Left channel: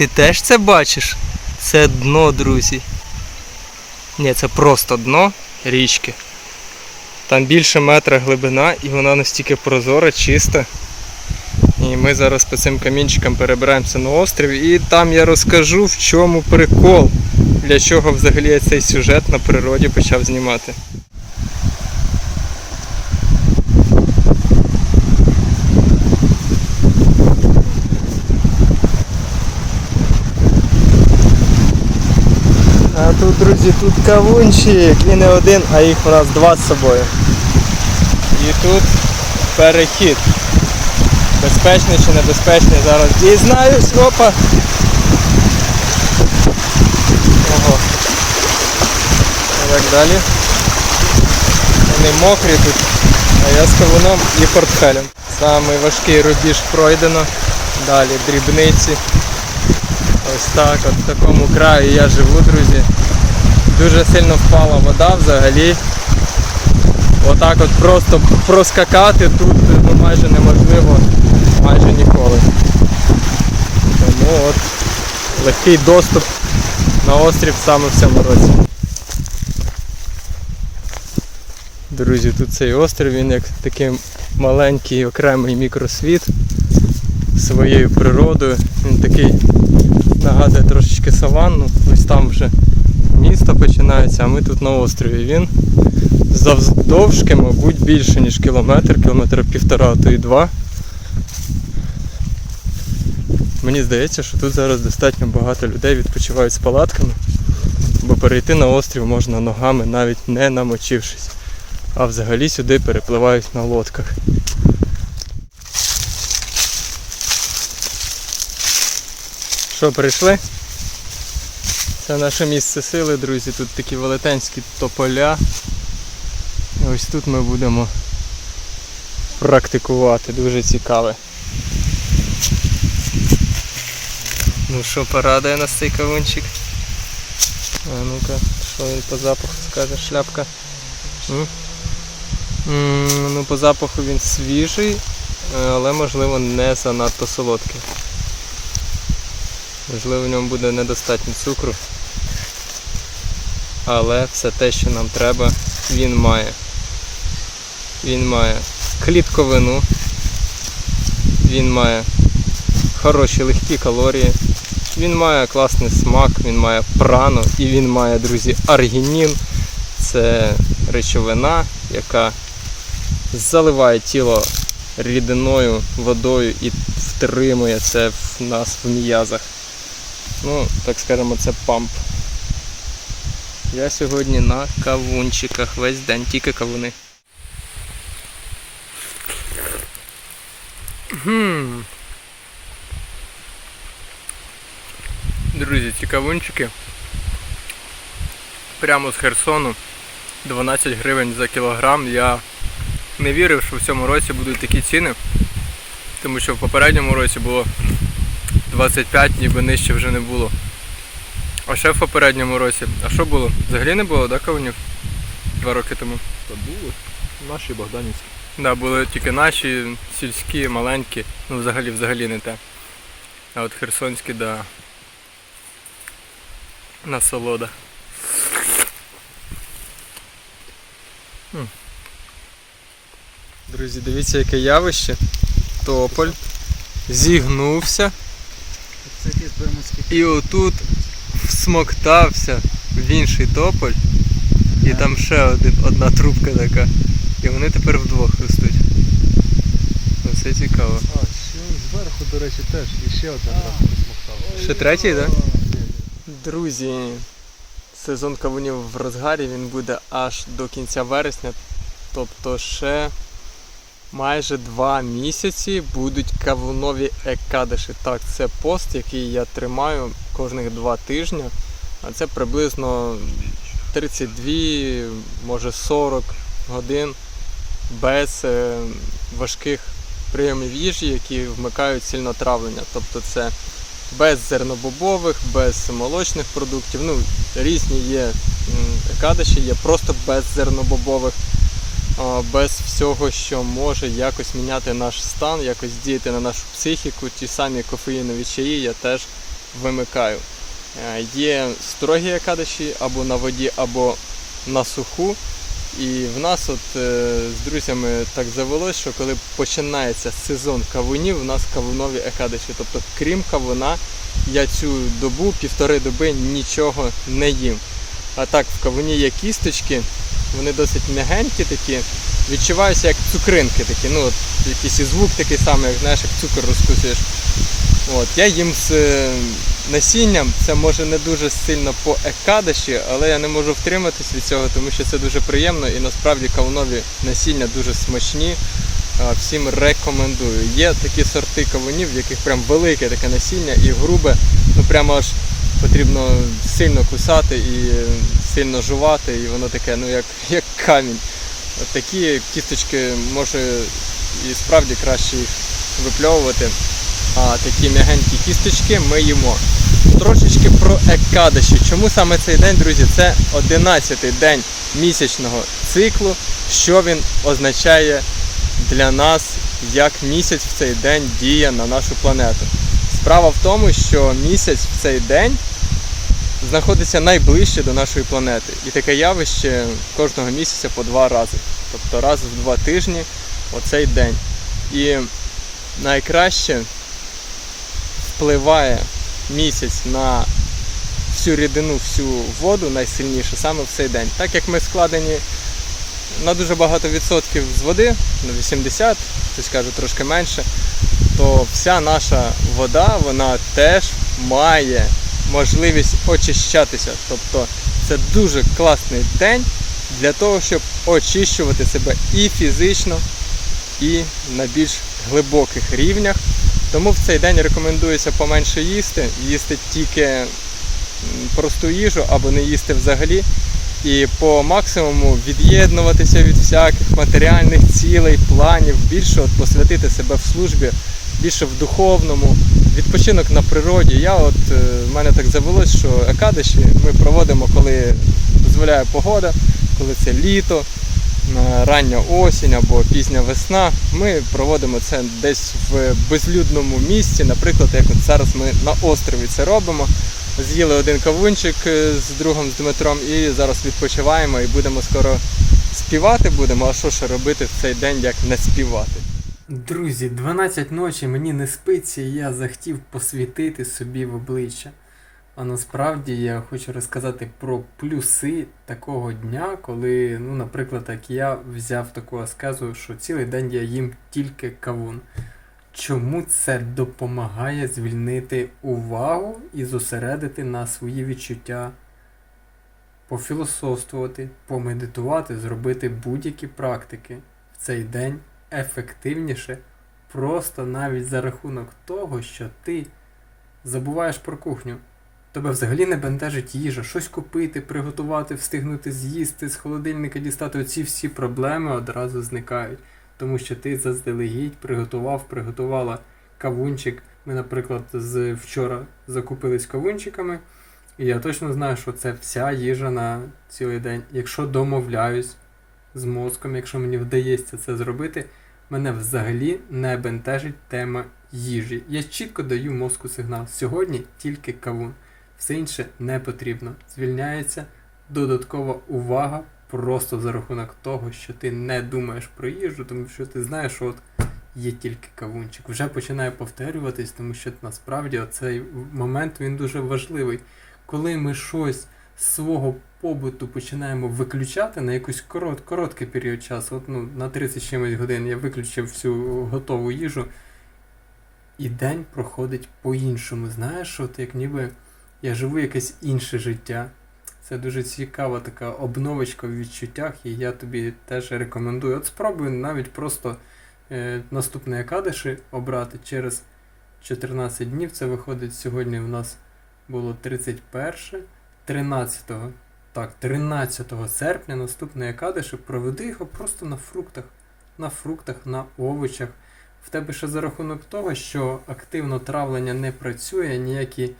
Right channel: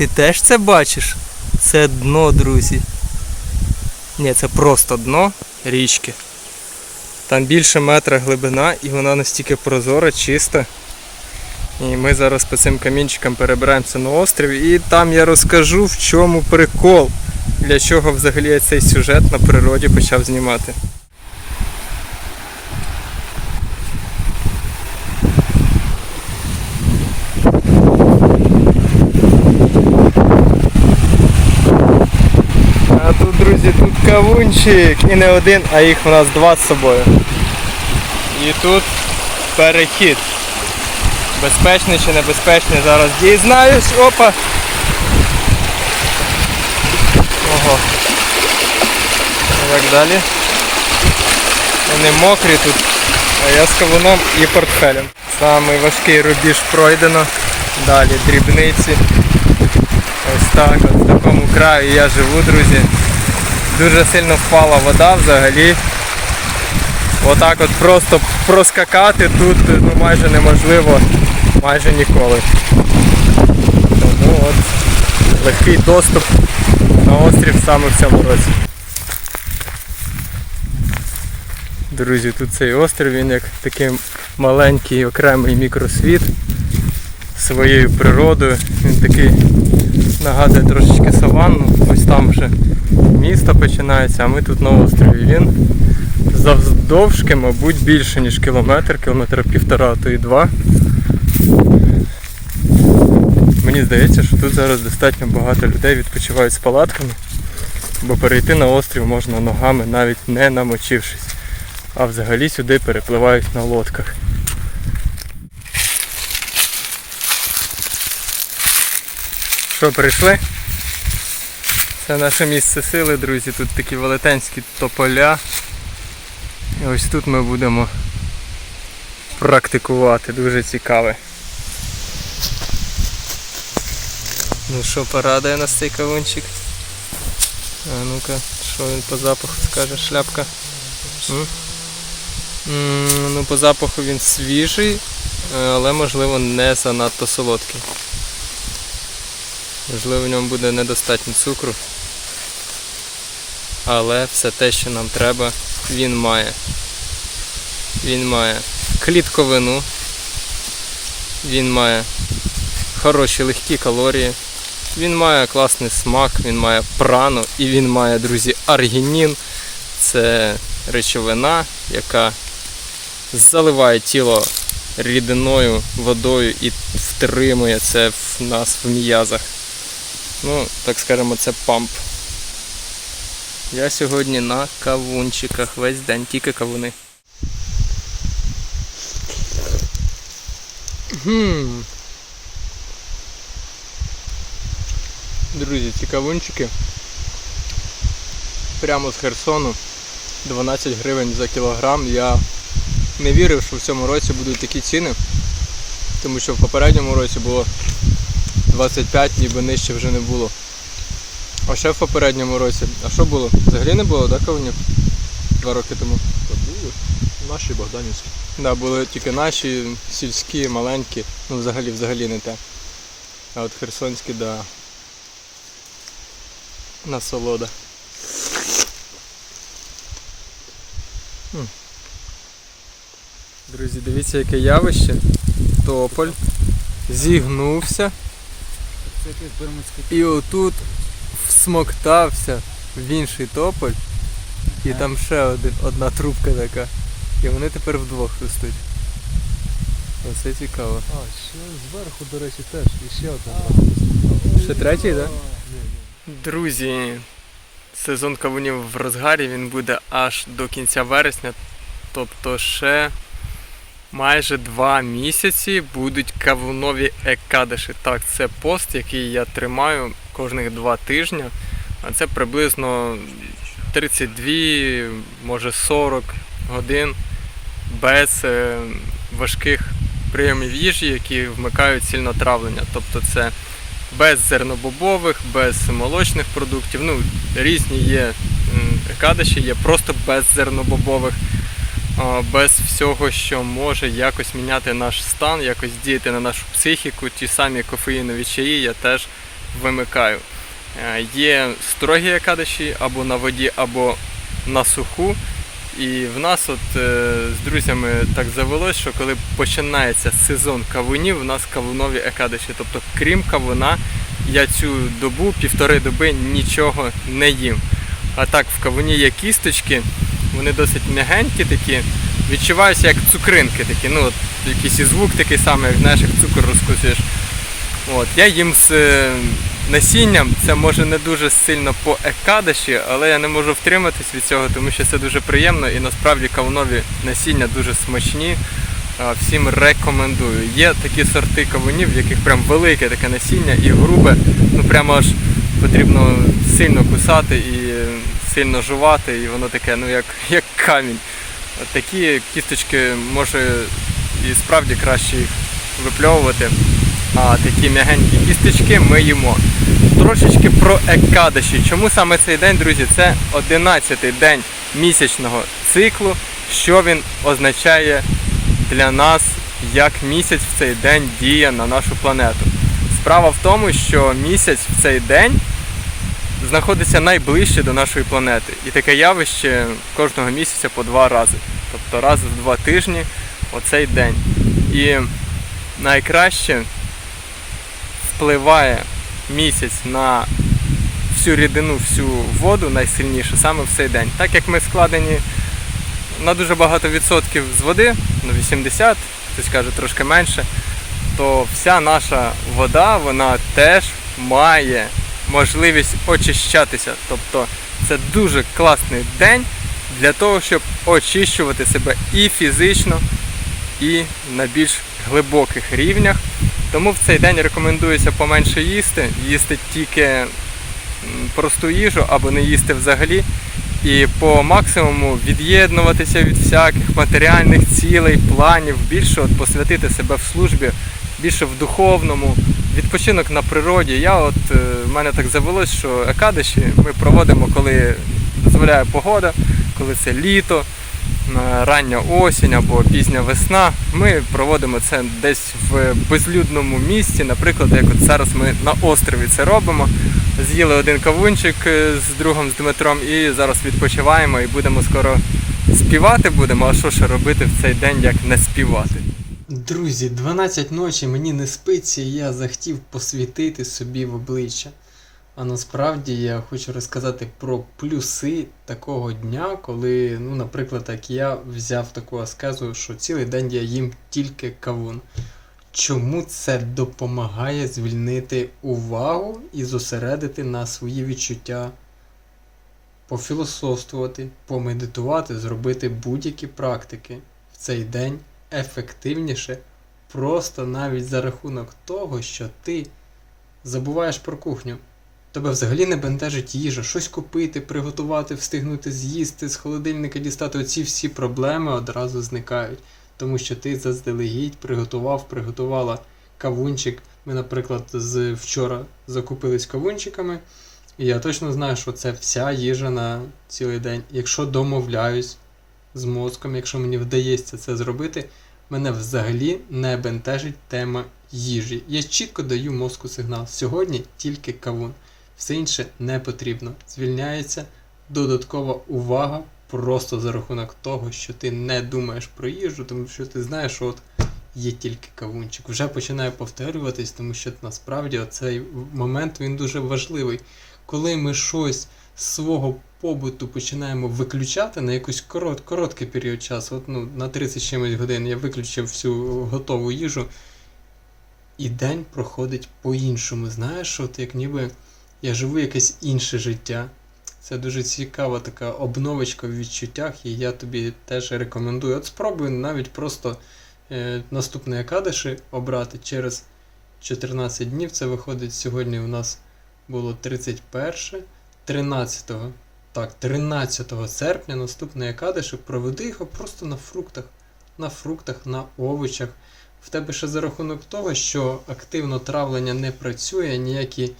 Ти теж це бачиш? Це дно, друзі. Ні, це просто дно річки. Там більше метра глибина і вона настільки прозора, чиста. І ми зараз по цим камінчикам перебираємося на острів і там я розкажу в чому прикол, для чого взагалі я цей сюжет на природі почав знімати. А тут, друзі, тут кавунчик і не один, а їх у нас два з собою. І тут перехід. Безпечний чи небезпечний зараз дізнаюсь. Опа. Ого. Як далі? Вони мокрі тут, а я з кавуном і портфелем. Самий важкий рубіж пройдено. Далі дрібниці. Ось так, от в такому краю я живу, друзі. Дуже сильно впала вода взагалі. Отак от просто проскакати тут ну, майже неможливо майже ніколи. Тому от легкий доступ на острів саме в цьому році. Друзі, тут цей острів, він як такий маленький окремий мікросвіт своєю природою. Він такий нагадує трошечки саванну. Ось там вже місто починається, а ми тут на острові. Він завдовжки, мабуть, більше, ніж кілометр, кілометр півтора, а то і два. Мені здається, що тут зараз достатньо багато людей відпочивають з палатками, бо перейти на острів можна ногами, навіть не намочившись. А взагалі сюди перепливають на лодках. Що, прийшли? Це наше місце сили, друзі. Тут такі велетенські тополя. І ось тут ми будемо практикувати. Дуже цікаве. Ну що, порадує нас цей кавунчик? А ну-ка, що він по запаху скаже, шляпка? М? Ну, по запаху він свіжий, але можливо не занадто солодкий. Можливо, в ньому буде недостатньо цукру. Але все те, що нам треба, він має. Він має клітковину, він має хороші легкі калорії, він має класний смак, він має прану і він має, друзі, аргінін. Це речовина, яка заливає тіло рідиною, водою і втримує це в нас в м'язах. Ну, так скажемо, це памп. Я сьогодні на кавунчиках весь день, тільки кавуни. Друзі, ці кавунчики прямо з Херсону 12 гривень за кілограм. Я не вірив, що в цьому році будуть такі ціни, тому що в попередньому році було 25, ніби нижче вже не було. А ще в попередньому році. А що було? Взагалі не було, так, кавунів? Два роки тому. Та були наші Богданівські. Да, були тільки наші, сільські, маленькі, ну взагалі взагалі не те. А от херсонські, да. Насолода. Друзі, дивіться, яке явище. Тополь зігнувся. І отут всмоктався в інший тополь. І там ще один, одна трубка така. І вони тепер вдвох ростуть. Оце цікаво. А, ще зверху, до речі, теж. І ще одна брата Ще третій, так? Друзі, сезон кавунів в розгарі, він буде аж до кінця вересня. Тобто ще майже два місяці будуть кавунові екадиші. Так, це пост, який я тримаю кожних два тижні. А це приблизно 32, може 40 годин без е, важких прийомів їжі, які вмикають сильнотравлення. Тобто це без зернобобових, без молочних продуктів. Ну, різні є м, є просто без зернобобових, без всього, що може якось міняти наш стан, якось діяти на нашу психіку. Ті самі кофеїнові чаї я теж вимикаю. Е, Є строгі екадиші або на воді, або на суху. І в нас от е, з друзями так завелось, що коли починається сезон кавунів, у нас кавунові екадиші. Тобто, крім кавуна, я цю добу, півтори доби нічого не їм. А так, в кавуні є кісточки, вони досить м'ягенькі такі, відчуваються як цукринки такі. Ну, от якийсь і звук такий самий, як знаєш, як цукор розкусуєш. От, я їм з е, насінням, це може не дуже сильно по екадаші, але я не можу втриматись від цього, тому що це дуже приємно і насправді кавунові насіння дуже смачні. Всім рекомендую. Є такі сорти кавунів, в яких прям велике таке насіння і грубе, ну прямо аж потрібно сильно кусати і сильно жувати, і воно таке, ну як, як камінь. Такі кісточки може і справді краще їх випльовувати. А такі м'ягенькі кісточки ми їмо. Трошечки про екадаші. Чому саме цей день, друзі? Це 11-й день місячного циклу. Що він означає для нас, як місяць в цей день діє на нашу планету? Справа в тому, що місяць в цей день знаходиться найближче до нашої планети. І таке явище кожного місяця по два рази. Тобто раз в два тижні оцей день. І найкраще впливає місяць на всю рідину, всю воду найсильніше саме в цей день. Так як ми складені на дуже багато відсотків з води, на 80, хтось каже трошки менше, то вся наша вода вона теж має можливість очищатися. Тобто це дуже класний день для того, щоб очищувати себе і фізично, і на більш глибоких рівнях. Тому в цей день рекомендується поменше їсти, їсти тільки просту їжу або не їсти взагалі. І по максимуму від'єднуватися від всяких матеріальних цілей, планів, більше от посвятити себе в службі, більше в духовному, відпочинок на природі. Я от е, в мене так завелось, що екадиші ми проводимо, коли дозволяє погода, коли це літо, рання осінь або пізня весна. Ми проводимо це десь в безлюдному місці. Наприклад, як от зараз ми на острові це робимо. З'їли один кавунчик е, з другом, з Дмитром, і зараз відпочиваємо і будемо скоро співати будемо. А що ще робити в цей день, як не співати? Друзі, 12 ночі мені не спиться, і я захотів посвітити собі в обличчя. А насправді я хочу розказати про плюси такого дня, коли, ну, наприклад, як я взяв таку аскезу, що цілий день я їм тільки кавун. Чому це допомагає звільнити увагу і зосередити на свої відчуття, пофілософствувати, помедитувати, зробити будь-які практики в цей день ефективніше, просто навіть за рахунок того, що ти забуваєш про кухню. Тебе взагалі не бентежить їжа, щось купити, приготувати, встигнути з'їсти, з холодильника дістати. Оці всі проблеми одразу зникають. Тому що ти заздалегідь приготував, приготувала кавунчик. Ми, наприклад, з вчора закупились кавунчиками, і я точно знаю, що це вся їжа на цілий день. Якщо домовляюсь з мозком, якщо мені вдається це зробити, мене взагалі не бентежить тема їжі. Я чітко даю мозку сигнал. Сьогодні тільки кавун. Все інше не потрібно. Звільняється додаткова увага просто за рахунок того, що ти не думаєш про їжу, тому що ти знаєш, що от є тільки кавунчик. Вже починає повторюватись, тому що насправді цей момент він дуже важливий. Коли ми щось свого побуту починаємо виключати на якийсь корот, короткий період часу, от, ну, на 30 чимось годин я виключив всю готову їжу, і день проходить по-іншому. Знаєш, от як ніби я живу якесь інше життя. Це дуже цікава така обновочка в відчуттях, і я тобі теж рекомендую. От спробуй навіть просто е, наступний Акадиші обрати через 14 днів. Це виходить сьогодні у нас було 31, 13, так, 13 серпня наступний Акадиші, проведи його просто на фруктах, на фруктах, на овочах. В тебе ще за рахунок того, що активно травлення не працює, ніякі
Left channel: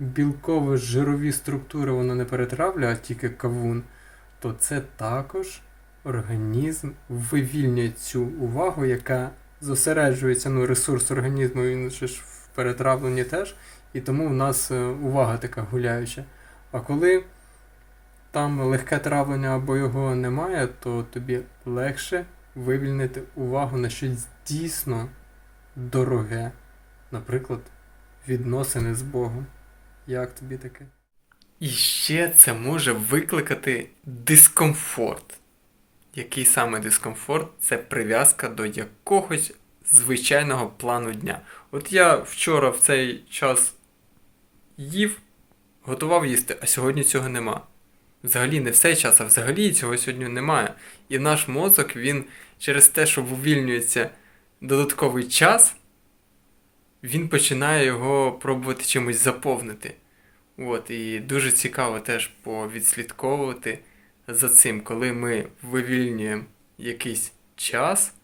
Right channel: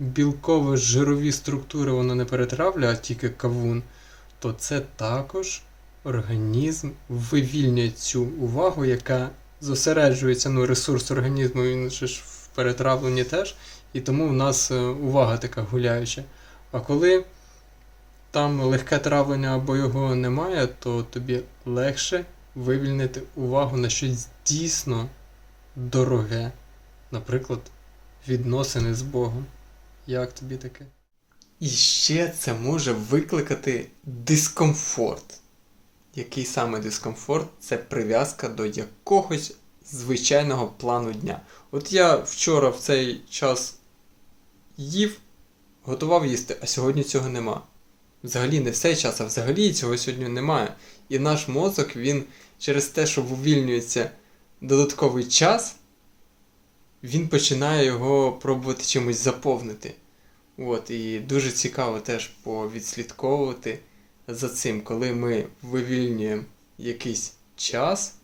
білково-жирові структури воно не перетравлює, а тільки кавун, то це також організм вивільнює цю увагу, яка зосереджується, ну, ресурс організму, він же ж в перетравленні теж, І тому в нас е, увага така гуляюча. А коли там легке травлення або його немає, то тобі легше вивільнити увагу на щось дійсно дороге. Наприклад, відносини з Богом. Як тобі таке? І ще це може викликати дискомфорт. Який саме дискомфорт? Це прив'язка до якогось звичайного плану дня. От я вчора в цей час їв, готував їсти, а сьогодні цього нема. Взагалі не в цей час, а взагалі цього сьогодні немає. І наш мозок, він через те, що вивільнюється додатковий час, він починає його пробувати чимось заповнити. От, і дуже цікаво теж повідслідковувати за цим, коли ми вивільнюємо якийсь час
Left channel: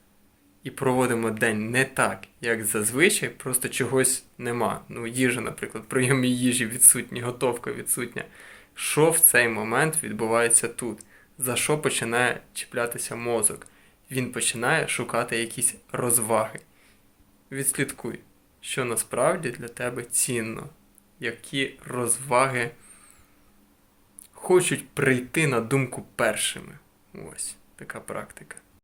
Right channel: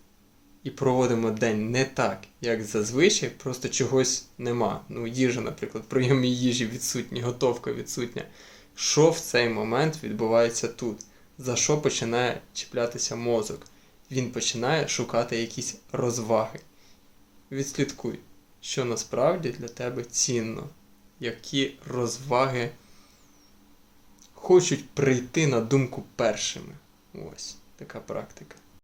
і проводимо день не так, як зазвичай, просто чогось нема. Ну, їжа, наприклад, прийом їжі відсутні, готовка відсутня. Що в цей момент відбувається тут? За що починає чіплятися мозок? Він починає шукати якісь розваги. Відслідкуй, що насправді для тебе цінно, які розваги хочуть прийти на думку першими. Ось така практика.